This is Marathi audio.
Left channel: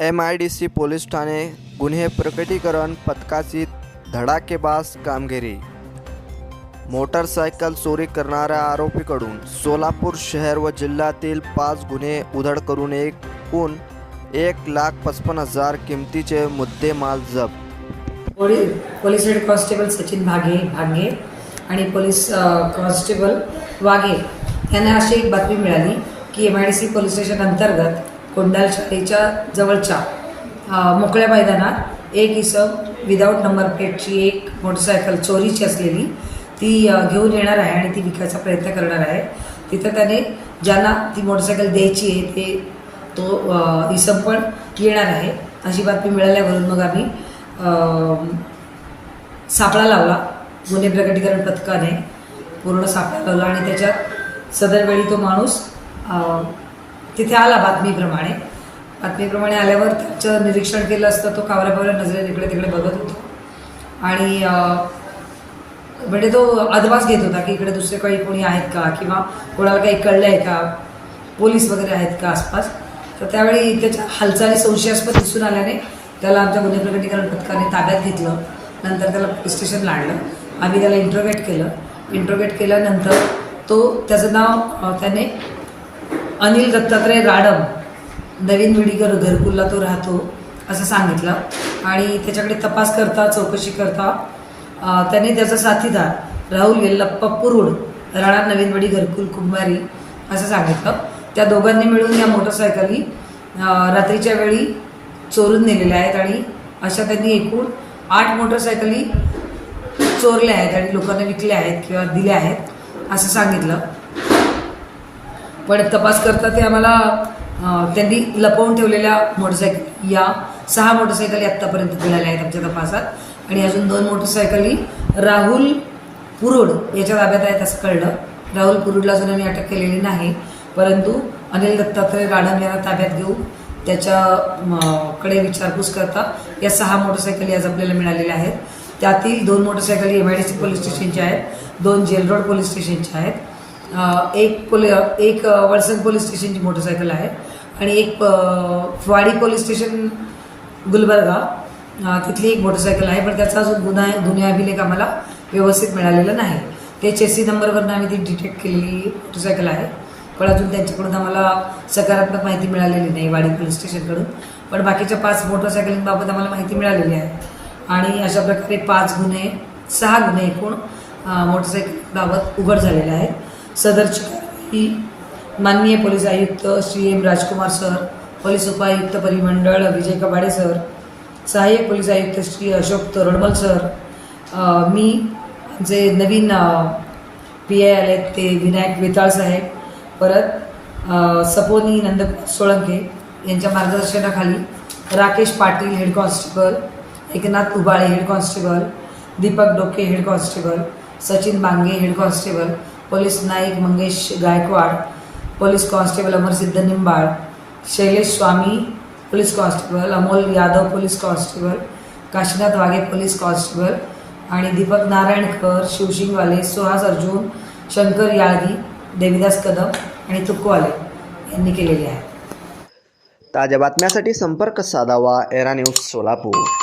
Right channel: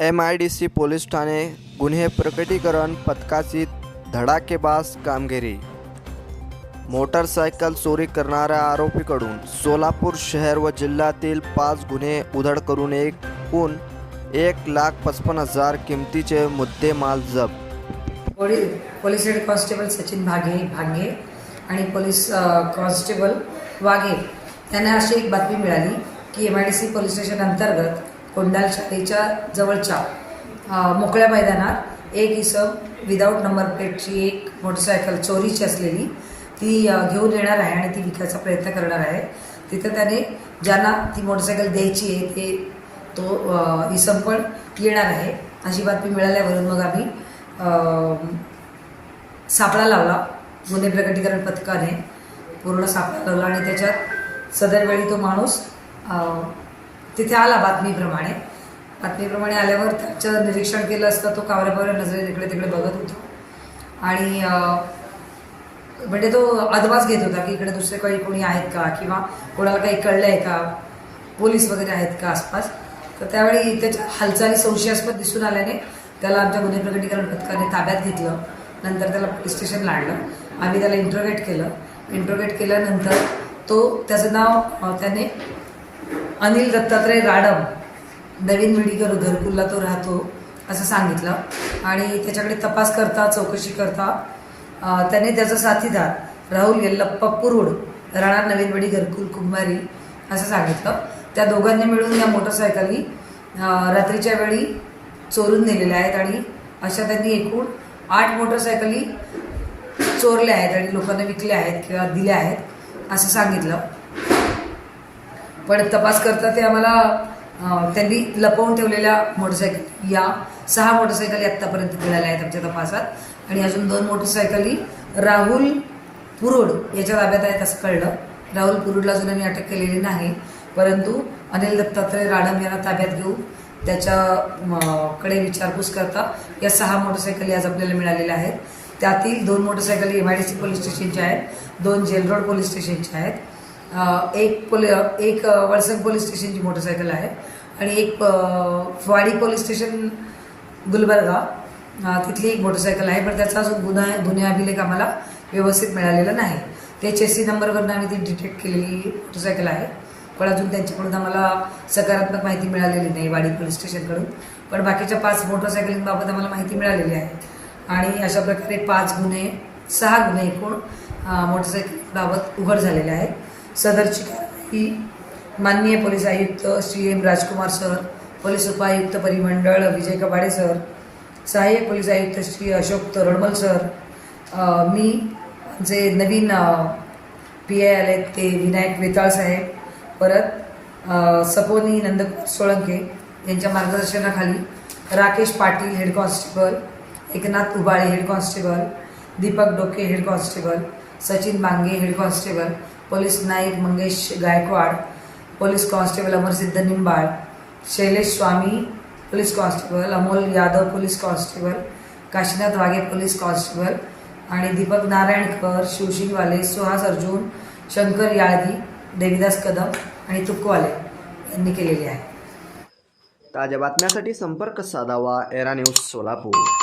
MIDC पोलीस ठाणे गुन्हे प्रकटीकरण पथकाची धडाकेबाज कामगिरी। मोटरसायकल चोरी करणाऱ्या आरोपीकडून सोलापूर शहर व जिल्ह्यातील 5 गुन्हे उधड करून एकूण 1,55,000 किमतीचे मुद्देमाल जप्त। पोलीस हेड कॉन्स्टेबल सचिन भांगे आणि पोलीस कॉन्स्टेबल वाघे यांना अशी एक बातमी मिळाली की MIDC पोलीस स्टेशन अंतर्गत कोंडाल शाळेच्या जवळच्या मोकळ्या मैदानात एक इसम विदाऊट नंबर प्लेटची एक मोटरसायकल चोरीची असलेली ती घेऊन येणार आहे आणि ती विकायचा प्रयत्न करणार आहे। तिथं त्याने ज्यांना ती मोटरसायकल द्यायची आहे ते तो इसम पण येणार आहे अशी बातमी मिळाल्यावरून मग आम्ही सापळा लावला। गुन्हे प्रकटीकरण पथकाने पूर्ण सापळा लावला आणि त्याच्यात सदर वेळी तो माणूस तिथे आला। बातमीप्रमाणे आल्यावर त्याचं निरीक्षण केलं असतं तो कावऱ्यापावऱ्या नजरेने इकडे तिकडे बघत होता आणि म्हणजे तो अदवास घेत होता की इकडे दुसरे कोणी आहेत का किंवा कोणाला काही कळलं आहे का, पोलीस वगैरे आहेत का आसपास। तर त्यावेळी त्याच्या हालचाली संशयास्पद दिसून आल्याने त्याला आमच्या गुन्हे प्रकटीकरण पथकाने ताब्यात घेतलं। नंतर त्याला पोलीस स्टेशनला आणलं। आम्ही त्याला इंट्रोगेट केल्यानंतर त्याचं नाव त्याने अनिल दत्तात्रय राडम, नवीन विडीकर घरकुलला तो राहतो असं सांगितलं आणि त्याच्याकडे तपास करता चौकशी करता त्याने त्याचा साथीदार राहुल येल्लप्पा पुरुड, राणा नवीन वडी घरकुल कुंभारी असं सांगितलं। त्या दोघांनी मिळून या मोटरसायकली रात्रीच्या वेळी चोरून नेलेल्या आहेत आणि अशा त्यांनी एकूण 8 मोटरसायकली चोरल्या आहेत आणि लोकांना विकल्या आहेत किंवा दिल्या आहेत असं सांगितलं। पण तपास करता ते आम्हाला त्यांनी लपवून ठेवलेल्या मोटरसायकल या 6 मोटरसायकली आत्तापर्यंत मिळाल्या आहेत आमच्या तपासात आणि अजून 2 मोटरसायकली राहुल पुरुड याच्या ताब्यात आहेत असं कळलं। राहुल पुरुडला अजून आम्ही अटक केलेली नाही, परंतु अनिल दत्तात्रय राडम यांना ताब्यात घेऊन त्याच्याकडे विचारपूस करता या 6 मोटरसायकली आज आपल्याला मिळालेल्या आहेत। त्यातील 2 मोटरसायकली MIDC पोलीस स्टेशनच्या आहेत, 2 जेल रोड पोलीस स्टेशनच्या आहेत, एक वळसंग पोलीस स्टेशनची मोटरसायकल आहे आणि एक वाडी पोलीस स्टेशन गुलबर्गा तिथली एक मोटरसायकल आहे। पण त्याचा अजून गुन्हा अभिलेख आम्हाला व्यवस्थित मिळालेला नाही। ते चेसी नंबरवरून आम्ही ती डिटेक्ट केलेली मोटरसायकल आहे, पण अजून त्यांच्याकडून आम्हाला सकारात्मक माहिती मिळालेली नाही वाडी पोलीस स्टेशनकडून। पण बाकीच्या 5 मोटरसायकलींबाबत आम्हाला माहिती मिळालेली आहे आणि अशा प्रकारे 6 गुन्हे एकूण मोटरसायकलबाबत उघड झालेले आहेत। सदरची ही माननीय पोलीस आयुक्त श्री M राजकुमार सर, पोलीस उपायुक्त परिमंडळ विजय कबाडे सर, सहाय्यक पोलीस आयुक्त श्री अशोक तोरडमल सर, मी जे नवीन PI आले ते विनायक वेताळ साहेब, परत सपोनी नंद सोळंके यांच्या मार्गदर्शनाखाली Rakesh Patil head constable, Eknath Ubale head constable, Deepak Doke head constable, Sachin Bange head constable, police Naik Mangesh Gaikwad, police constable Amarsiddh Nimbal, Shailesh Swami police constable, Amol Yadav police constable, Kashinath Waghe police constable आणि दीपक नारायणकर, शिवशिंगवाले, सुहास अर्जुन, शंकर याळगी, देविदास कदम आणि तुकवाले यांनी केलेले आहे। ताज्या बातम्यांसाठी संपर्क साधावा एरा न्यूज सोलापूर।